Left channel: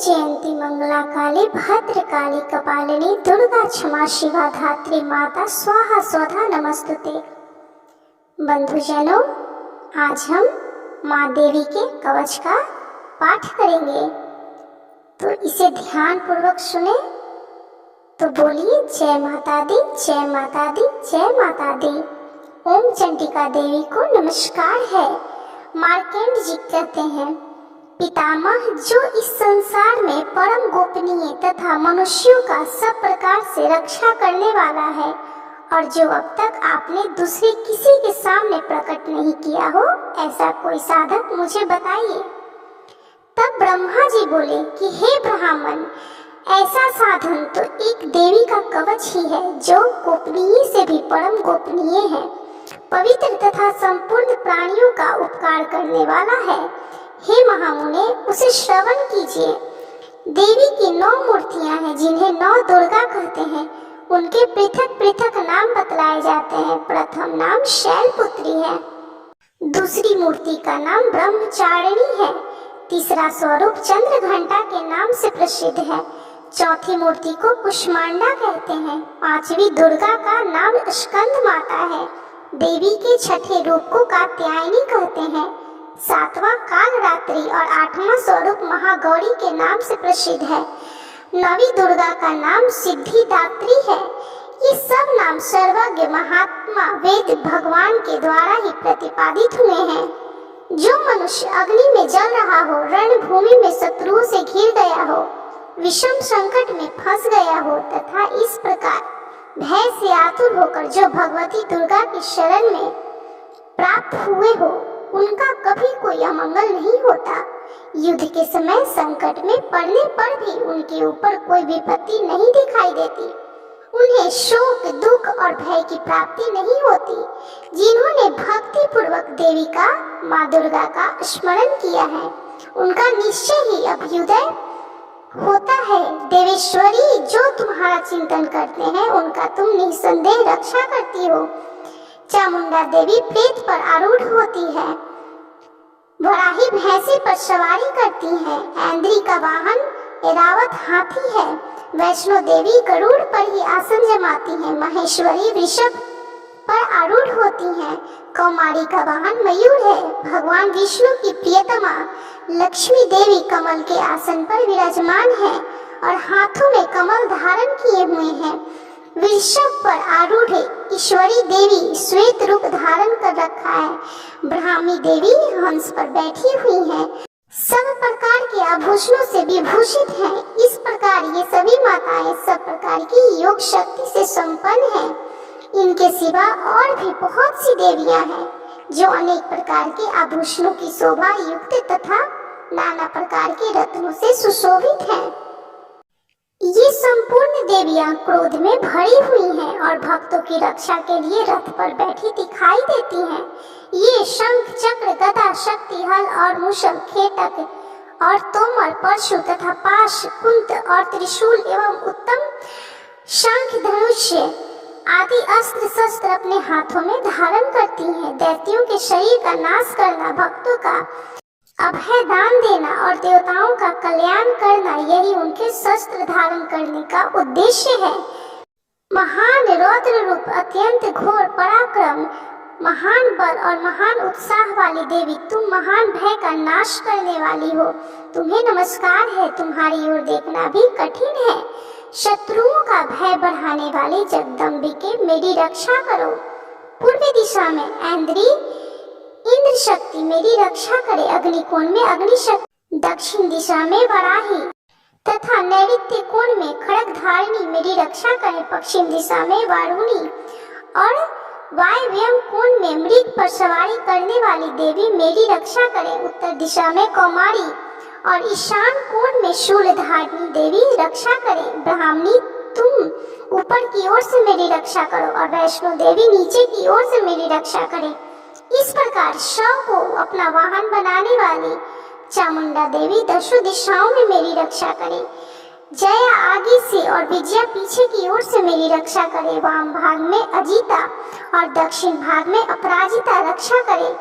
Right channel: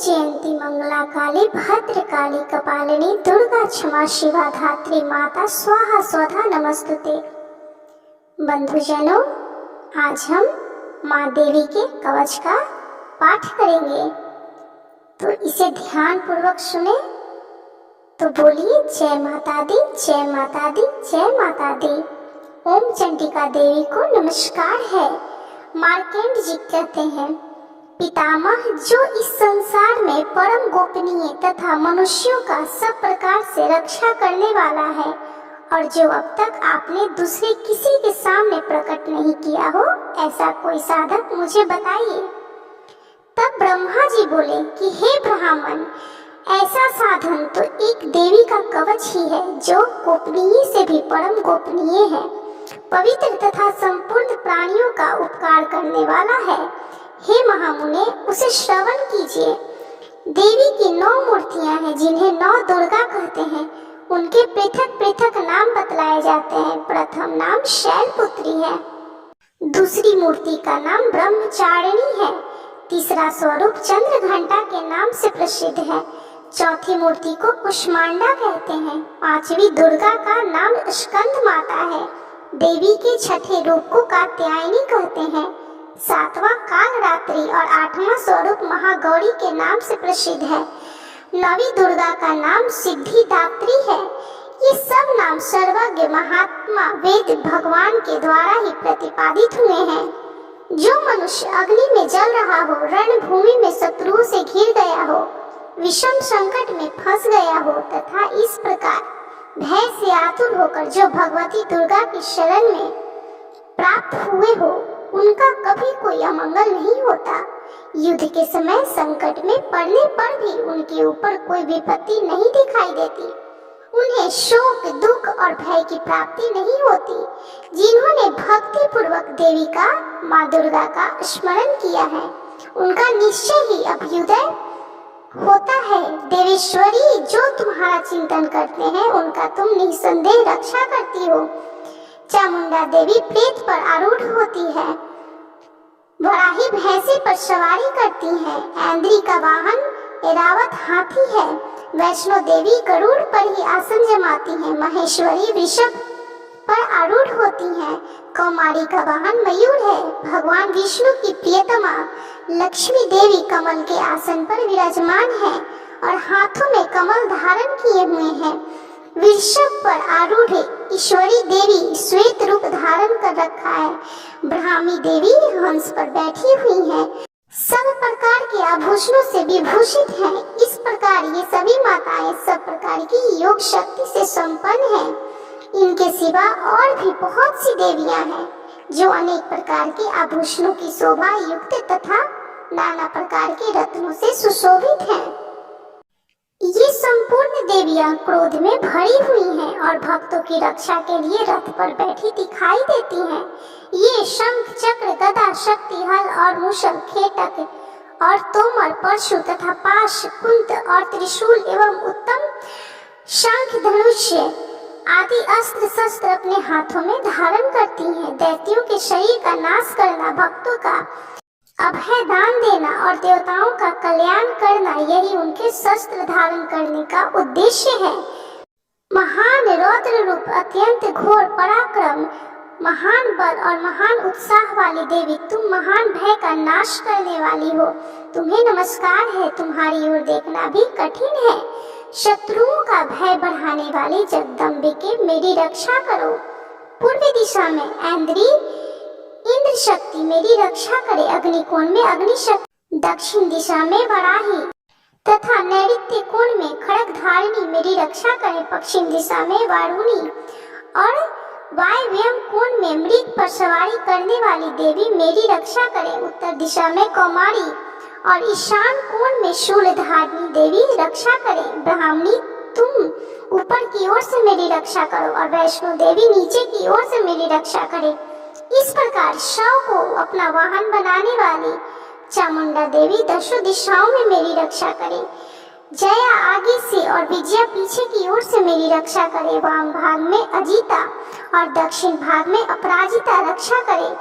जयंती मंगला काली भद्रकाली कपालिनी दुर्गा क्षमा शिवा धात्री माता स्वाहा स्वधा नमस्तुते। बंधुजनों, आज हम माँ देवी के कवच का पाठ करेंगे, तो इसे ध्यान पूर्वक सुने। तो बोलिए जय माता दी, जय माता दी, जय माता दी। ओम चंडिका देवी को नमस्कार है। मार्केंड जी कहते हैं, पितामह जो इस संसार में परम गोपनीय तथा मनुष्यों का सब प्रकार से रक्षा करने वाला है, और जो अब तक आपने दूसरे किसी के सामने प्रकट नहीं किया हो, ऐसा कोई साधक मुझे बताइए। तब ब्रह्मा जी बोले कि हे ब्राह्मण, ऐसा साधन तो एक देवी का कवच ही है, जो गोपनीय से भी परम गोपनीय है, पवित्र तथा संपूर्ण प्राणियों का उपकार करने वाला है। हे महामुने, उसे श्रवण कीजिए। देवी की 9 मूर्तियां हैं, जिन्हें 9 दुर्गा कहते हैं। उनके पृथक पृथक नाम बतलाए जाते हैं। प्रथम नाम शैलपुत्री है, दूसरी मूर्ति का नाम ब्रह्मचारिणी है, तीसरा स्वरूप चंद्रघंटा के नाम से प्रसिद्ध है, चौथी मूर्ति को कुष्मांडा कहते हैं, पांचवी दुर्गा का नाम स्कंद माता है, देवी के छठे रूप को कात्यायनी कहते हैं, सातवां कालरात्रि और 8वां स्वरूप महागौरी के नाम से प्रसिद्ध है, 9वीं दुर्गा का नाम सिद्धिदात्री है। ये सब नाम सर्वज्ञ महात्मा वेद भगवान के द्वारा ही प्रतिपादित हुए हैं। जो मनुष्य अग्नि में जल रहा हो, रणभूमि में शत्रुओं से घिर गया हो, विषम संकट में फंस गया हो, तथा इस प्रकार भय से आतुर होकर जो भगवती दुर्गा की शरण में प्राप्त हुए हो, उनका कभी कोई अमंगल नहीं होता। युद्ध के समय संकट में पड़ने पर भी उनके ऊपर कोई विपत्ति नहीं दिखाई देती। उन्हें शोक, दुख और भय की प्राप्ति नहीं होती। जिन्होंने भक्ति पूर्वक देवी का, माँ दुर्गा का स्मरण किया है, उनका निश्चय ही अभ्युदय होता है। देवेश्वरी, जो तुम्हारा चिंतन करते हैं, उनका तुम निसंदेह रक्षा करती हो। चामुंडा देवी प्रेत पर आरूढ़ होती है, वराही भैंसे पर सवारी करती है, ऐन्द्री का वाहन ऐरावत हाथी है, वैष्णो देवी गरुड़ पर ही आसन जमाती है, महेश्वरी वृषभ पर आरूढ़ होती हैं, कौमारी का वाहन मयूर है, भगवान विष्णु की प्रियतमा लक्ष्मी देवी कमल के आसन पर विराजमान है और हाथों में कमल धारण किए हुए हैं। वृषभ पर आरूढ़ ईश्वरी देवी श्वेत रूप धारण कर रखा है। ब्राह्मी देवी हंस पर बैठी हुई है, सब प्रकार के आभूषणों से विभूषित हैं। इस प्रकार ये सभी माताएं सब प्रकार की योग शक्ति से संपन्न हैं। इनके सिवा और भी बहुत सी देवियां हैं, जो अनेक प्रकार के आभूषणों की शोभा युक्त तथा नाना प्रकार के रत्नों से सुशोभित हैं। ये संपूर्ण देवियां क्रोध में भरी हुई हैं और भक्तों की रक्षा के लिए रथ पर बैठी दिखाई देती हैं। ये शंख, चक्र, गदा, शक्ति, हल और मुशल, खेटक और तोमर, परशु तथा पाश, कुंत और त्रिशूल एवं उत्तम शंख, धनुष आदि अस्त्र शस्त्र अपने हाथों में धारण करती हैं। दैत्यों के शरीर का नाश करना, भक्तों का अभय दान देना और देवताओं का कल्याण करना, यही उनके शस्त्र धारण करने का उद्देश्य है। महान रौद्र रूप, अत्यंत घोर पराक्रम, महान बल और महान उत्साह वाली देवी, तुम महान भय का नाश करने वाली हो। तुम्हें नमस्कार है। तुम्हारी ओर देखना भी कठिन है। शत्रुओं का भय बढ़ाने वाली जगदम्बिके, मेरी रक्षा करो। पूर्व दिशा में ऐन्द्री इंद्र शक्ति मेरी रक्षा करे। अग्निकोण में अग्नि शक्ति, दक्षिण दिशा में वराही तथा नैऋत्य कोण में खड़ग धारिणी मेरी रक्षा करे। पश्चिम दिशा में वारुणी और वायव्य कोण में मृग पर सवारी करने वाली देवी मेरी रक्षा करे। उत्तर दिशा में कौमारी और ईशान कोण में शूलधारिणी देवी रक्षा करे। ब्राह्मणी, तुम ऊपर की ओर से मेरी रक्षा करो और वैष्णो देवी नीचे की ओर से मेरी रक्षा करे। इस प्रकार शव को अपना वाहन बनाने वाली चामुंडा देवी दशों दिशाओं में मेरी रक्षा करे। जया आगे से और विजया पीछे की ओर से मेरी रक्षा करे। वाम भाग में अजिता और दक्षिण भाग में अपराजिता रक्षा करे।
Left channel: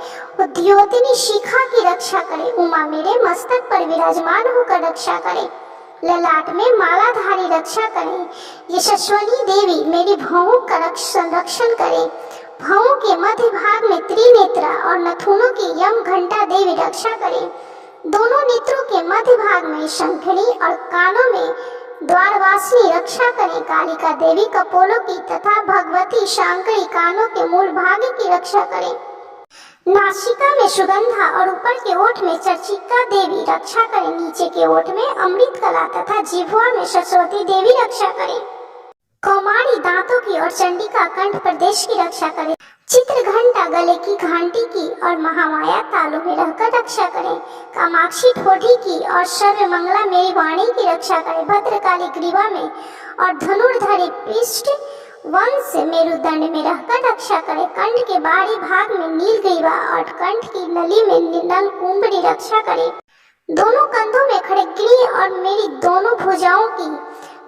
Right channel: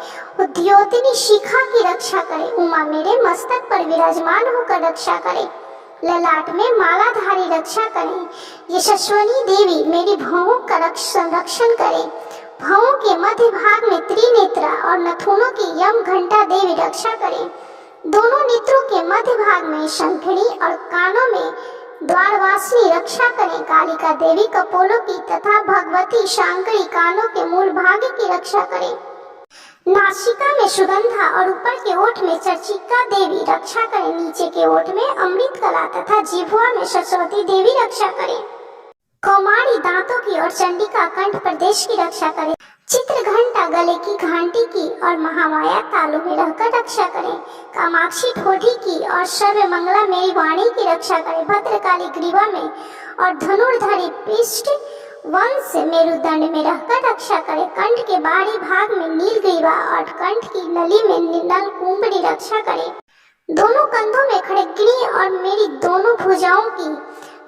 उद्योतिनी शिखा की रक्षा करे। उमा मेरे मस्तक पर विराजमान होकर रक्षा करे। ललाट में मालाधारी रक्षा करें। यशस्विनी देवी मेरी भौहों का रक्षण करें। भौहों के मध्य भाग में त्रिनेत्रा और नथुनों की यम घंटा देवी रक्षा करें। दोनों नेत्रों के मध्य भाग में शंखिणी और कानों में द्वारवासिनी रक्षा करें। कालिका देवी कपोलों की तथा भगवती शांकरी कानों के मूल भाग की रक्षा करें। नासिका में सुगंधा और ऊपर के ओठ में चर्चिका देवी रक्षा करें। नीचे के ओठ में अमृत कला तथा जिह्वा में सरस्वती देवी रक्षा करें। कौमारी दांतों की और चंडिका कंठ प्रदेश की रक्षा करें। चित्र घंटा गले की घंटी की और महामाया तालू में रहकर रक्षा करें। कामाक्षी ठोड़ी की और सर्वमंगला मेरी वाणी की रक्षा करें। भद्रकाली ग्रीवा में और धनुर्धरी पृष्ठ वंश मेरुदंड में रहकर रक्षा करे। कंठ के बाहरी भाग में नीलग्रीवा और कंठ की नली में नल कुंभड़ी रक्षा करे। दोनों कंधों में खड़गनी और मेरी दोनों भुजाओं की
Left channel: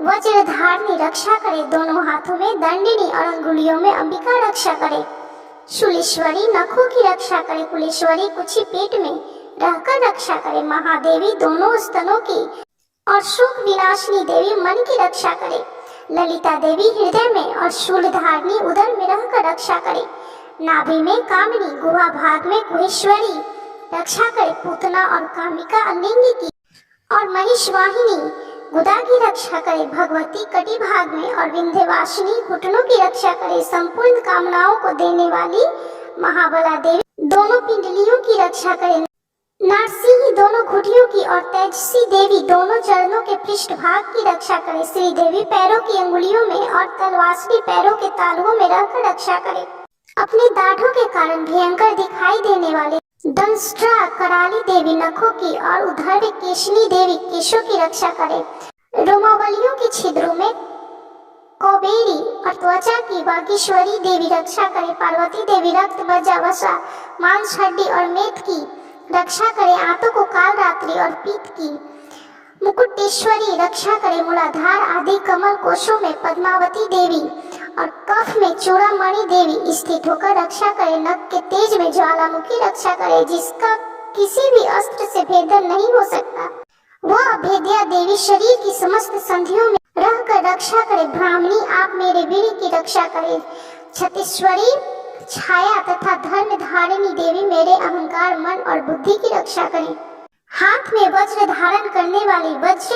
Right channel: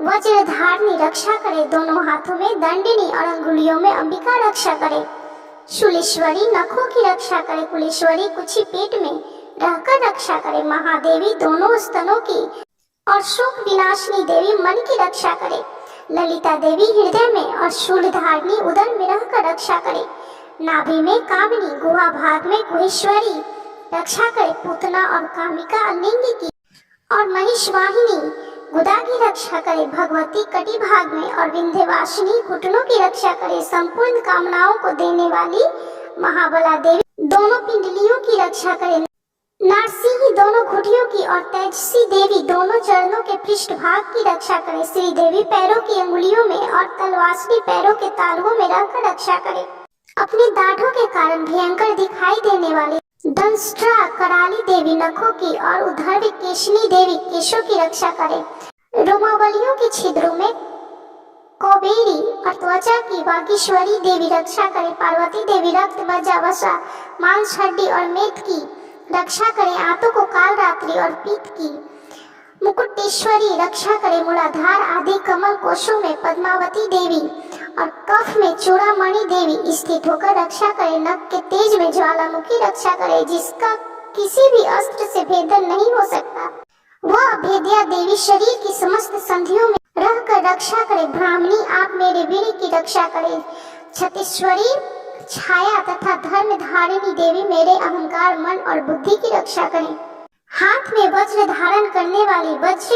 वज्रधारणी रक्षा करे। दोनों हाथों में दंडनी और अंगुलियों में अंबिका रक्षा करे। शूलेश्वरी नखों की रक्षा करे। कुलेश्वरी कुछी पेट में रहकर रक्षा करे। महादेवी दोनों स्तनों की और शोक विनाशिनी देवी मन की रक्षा करे। ललिता देवी हृदय में और शूलधारणी उदर में रहकर रक्षा करे। नाभि में कामिनी, गुहा भाग में कुहेश्वरी रक्षा करे। पूतना और कामिका लिंग की और महिषवाहिनी गुदा की रक्षा करे। भगवती कटी भाग में और विंध्यवासिनी घुटनों की रक्षा करे। संपूर्ण कामनाओं को देने वाली महाबला देवी दोनों पिंडलियों की रक्षा करे। नारसिंही दोनों घुटियों की और तेजसी देवी दोनों चरणों के पृष्ठ भाग की रक्षा करे। श्री देवी पैरों की अंगुलियों में और तलवासनी पैरों के तालुओं में रहकर रक्षा करे। अपने दाढ़ों के कारण भयंकर दिखाई देने वाले दंष्ट्रा कराली देवी नखों की और उद्धर्व केशनी देवी केशों की रक्षा करे। रोमावलियों के छिद्रों में कौबेरी और त्वचा की वागीश्वरी देवी रक्षा करे। पार्वती देवी रक्त मज्जा वसा मांस हड्डी और मेद की रक्षा करे। आंतों को काल रात्रि और पीत की मुकुटेश्वरी रक्षा करे। मूलाधार आदि कमल कोशों में पद्मावती देवी और कफ में चूड़ामणि देवी स्थित होकर रक्षा करे। नख के तेज में ज्वालामुखी रक्षा करे, जिसका किसी भी अस्त्र से भेदन नहीं हो सकता। वह अभेद्या देवी शरीर की समस्त संधियों में रहकर रक्षा करे। ब्राह्मणी आप मेरे वीर की रक्षा करे। छत्तीश्वरी छाया तथा धर्म धारिणी देवी मेरे अहंकार मन और बुद्धि की रक्षा करें। हाथ में वज्र धारण करने वाली वज्र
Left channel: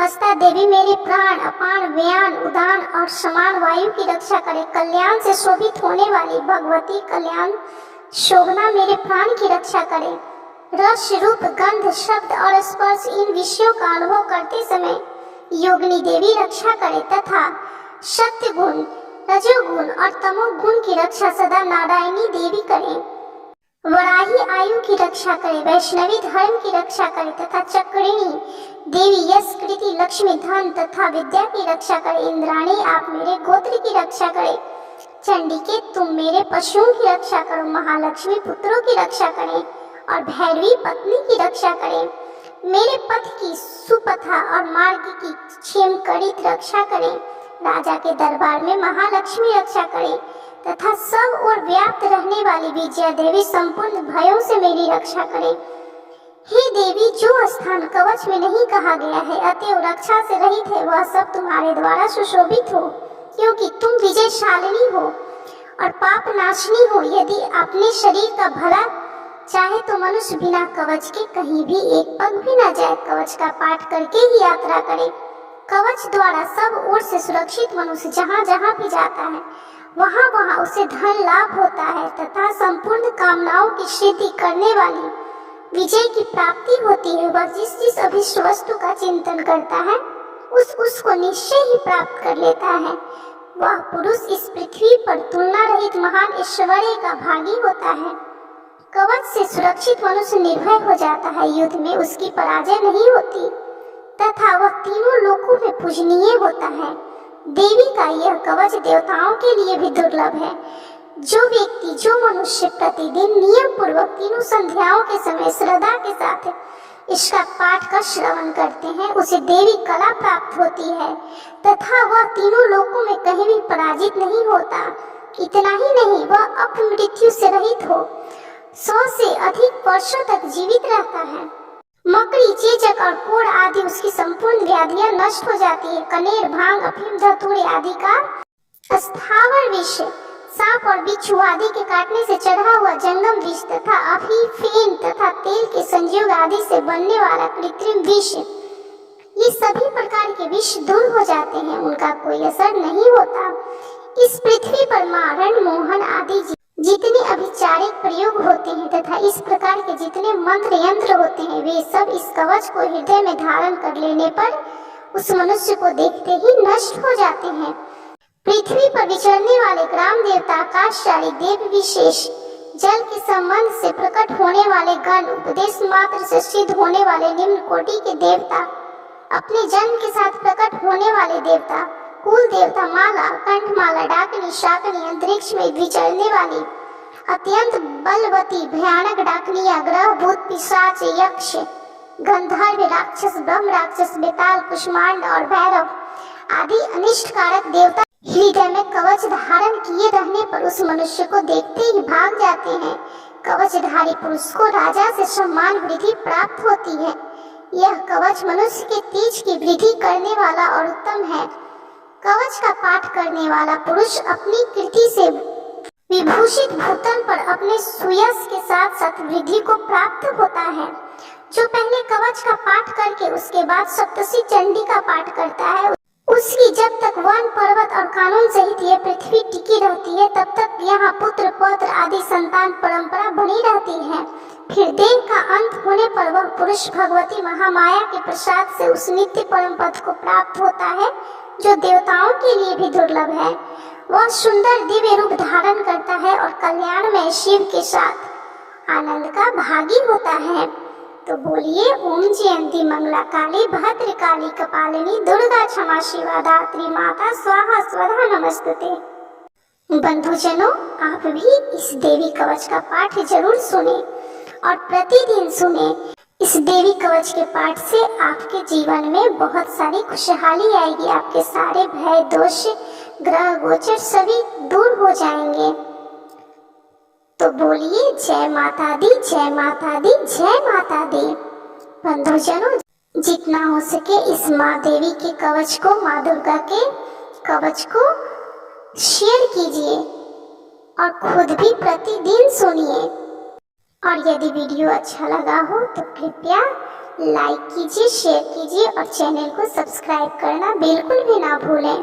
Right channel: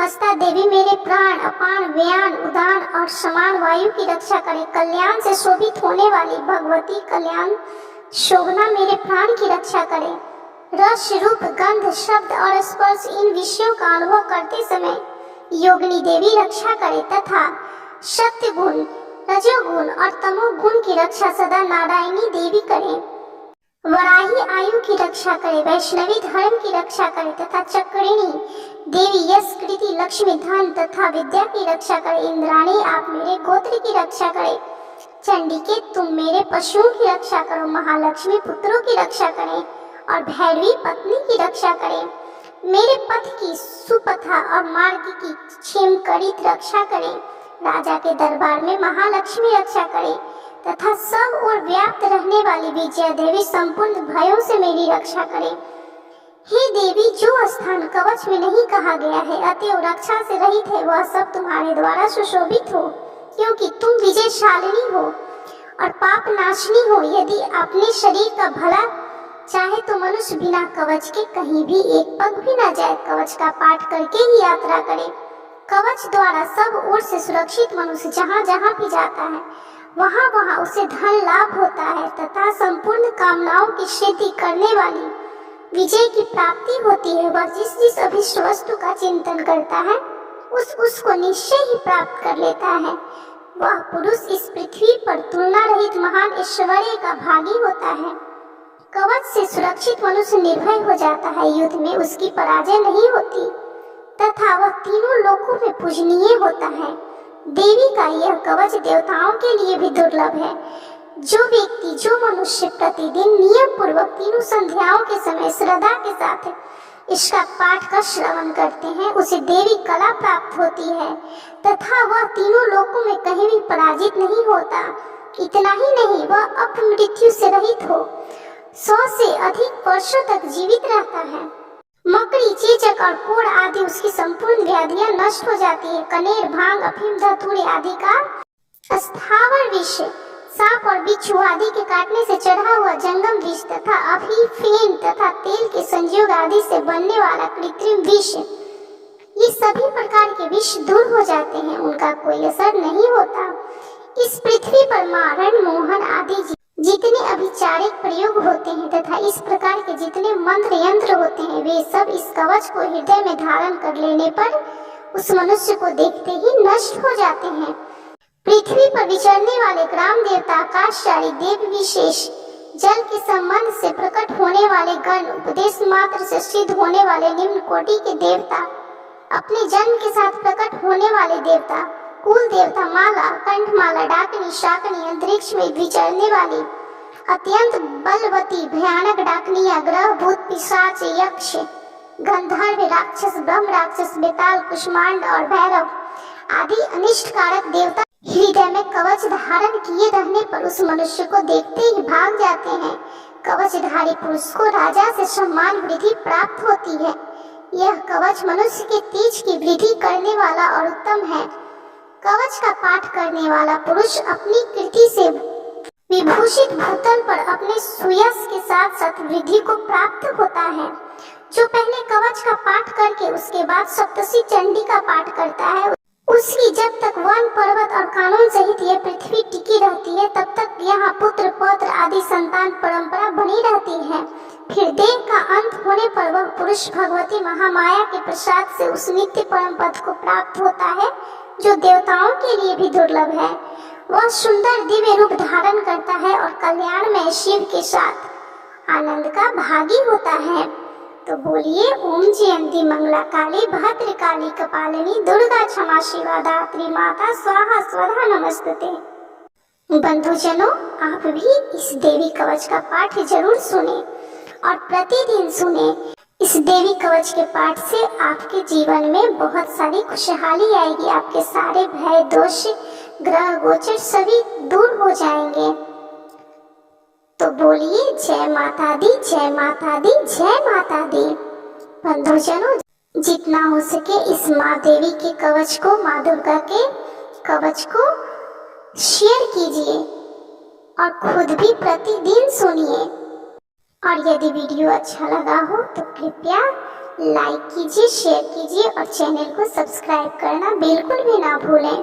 हस्ता देवी मेरे प्राण अपान व्यान उदान और समान वायु की रक्षा करे। कल्याण से शोभित होने वाली भगवती कल्याण शोभना मेरे प्राण की रक्षा करे। रस रूप गंध शब्द और स्पर्श इन विषयों का अनुभव करते समय योगिनी देवी रक्षा करे तथा सत्य गुण रजोगुण और तमोगुण की रक्षा सदा नारायणी देवी करे। वराही आयु की रक्षा करे। वैष्णवी धर्म की रक्षा करे तथा चक्रिणी देवी यश कृति लक्ष्मी धन तथा विद्या की रक्षा करे। इंद्राणी आप मेरे गोत्र की रक्षा करे। चंडिके तुम मेरे पशुओं की रक्षा करो। महालक्ष्मी पुत्रों की रक्षा करें और भैरवी पत्नी की रक्षा करें। मेरे पथ की सुपथा और मार्ग की क्षेम करित रक्षा करें। राजा के दरबार में महालक्ष्मी रक्षा करे तथा सब और व्याप्त रहने वाली विजया देवी संपूर्ण भयों से मेरी रक्षा करे। हे देवी, जो स्थान कवच में नहीं कहा गया है अतएव रक्षा से रहित है, वह सब तुम्हारे द्वारा सुशोभित हो, क्योंकि तुम विजयशालिनी हो और पाप नाशनी हो। यदि अपने शरीर का भला चाहे तो मनुष्य बिना कवच के कहीं भी एक पग भी न जाए। कवच का पाठ करके ही यात्रा करे। कवच द्वारा सब ओर से सुरक्षित मनुष्य जहाँ जहाँ भी जाता है वहाँ वहाँ उसे धन लाभ होता है तथा संपूर्ण कामनाओं की सिद्धि करने वाली विजय की प्राप्ति होती है। वह जिस जिस अभिष्ट वस्तु का चिंतन करता है उसको निश्चय ही प्राप्त कर लेता है। वह पुरुष इस पृथ्वी पर तुलना रहित महान ऐश्वर्य का भागी होता है। कवच से सुरक्षित मनुष्य निर्भय हो जाता है। युद्ध में उसकी पराजय नहीं होती तथा वह तीनों लोकों में पूजनीय होता है। देवी का यह कवच देवताओं के लिए भी दुर्लभ है। जो व्यक्ति जो मनुष्य प्रतिदिन नियम पूर्वक तीनों संध्याओं के समय श्रद्धा के साथ इसका पाठ का श्रवण करते हैं उसे देवी कला प्राप्त होती है तथा वह तीनों लोकों में कहीं भी पराजित नहीं होता। इतना ही नहीं, वह अपमृत्यु से रहित हो 100 से अधिक वर्षों तक जीवित रहता है। मकड़ी, चेचक और कोढ़ आदि उसकी संपूर्ण व्याधियां नष्ट हो जाती है। कनेर, भांग, अफीम, धतूरे आदि का स्थावर विष, सांप और बिच्छू आदि के काटने से चढ़ा हुआ जंगम विष तथा अफीम तथा तेल के संयोग आदि से बनने वाला कृत्रिम विष, ये सभी प्रकार के विष दूर हो जाते हैं, उनका कोई असर नहीं होता। इस पृथ्वी पर मारण, मोहन आदि जितने अभिचारिक प्रयोग होते हैं तथा इस प्रकार के जितने मंत्र यंत्र होते हैं, वे सब इस कवच को हृदय में धारण कर लेने पर उस मनुष्य को देखते ही नष्ट हो जाते हैं। पृथ्वी पर विचरने वाले ग्राम देवता, आकाशचारी देव विशेष, जल के संबंध से प्रकट होने वाले गण, उपदेश मात्र से सिद्ध होने वाले निम्न कोटि के देवता, अपने जन्म के साथ प्रकट होने वाले देवता, कुल देवता, माला, कंठमाला, डाकनी, शाकनी, अंतरिक्ष में विचरने वाली अत्यंत बलवती भयानक डाकनिया, ग्रह, भूत, पिशाच, यक्ष, गंधर्व, राक्षस, ब्रह्म राक्षस, बेताल, कुष्मांड और भैरव आदि अनिष्ट कारक देवता हृदय में कवच धारण किए रहने पर उस मनुष्य को देखते ही भाग जाते हैं। कवचधारी पुरुष को राजा से सम्मान वृद्धि प्राप्त होती है। यह कवच मनुष्य के तेज की वृद्धि करने वाला और उत्तम है। कवच का पाठ करने वाला पुरुष अपनी कीर्ति से विभूषित भूतल पर अपने सुयश के साथ साथ वृद्धि को प्राप्त होता है। जो पहले कवच का पाठ करके उसके बाद सप्तशी चंडी का पाठ करता है, उसकी जब तक वन, पर्वत और कानून सहित यह पृथ्वी टिकी रहती है, तब तक यहाँ पुत्र, पौत्र आदि संतान परंपरा बनी रहती है। फिर देह का अंत होने पर वह पुरुष भगवती महामाया के प्रसाद से उस नित्य परम पद को प्राप्त होता है, जो देवताओं के लिए भी दुर्लभ है। वह सुंदर दिव्य रूप धारण करता है और कल्याण में शिव के साथ आनंद का भागी होता है। तो बोलिए ओम जयंती मंगला काली, भद्र काली, कपालिनी, दुर्गा क्षमा शिवा धात्री, माता स्वाहा स्वधा नमस्तुते। बंधुजनों, आप भी इस देवी कवच का पाठ जरूर सुने और प्रतिदिन सुने। इस देवी कवच के पाठ से आपके जीवन में बहुत सारी खुशहाली आएगी। आपके सारे भय, दोष, ग्रह गोचर सभी दूर हो जाएंगे। तो बोलिए जय माता दी, जय माता दी, जय माता दी। बंधुजनों, जितना हो सके इस माँ देवी के कवच को, माँ दुर्गा के कवच को शेयर कीजिए और खुद भी प्रतिदिन सुनिए। और यदि वीडियो अच्छा लगा हो तो कृपया लाइक कीजिए, शेयर कीजिए और चैनल को सब्सक्राइब करना बिल्कुल भी ना भूलें।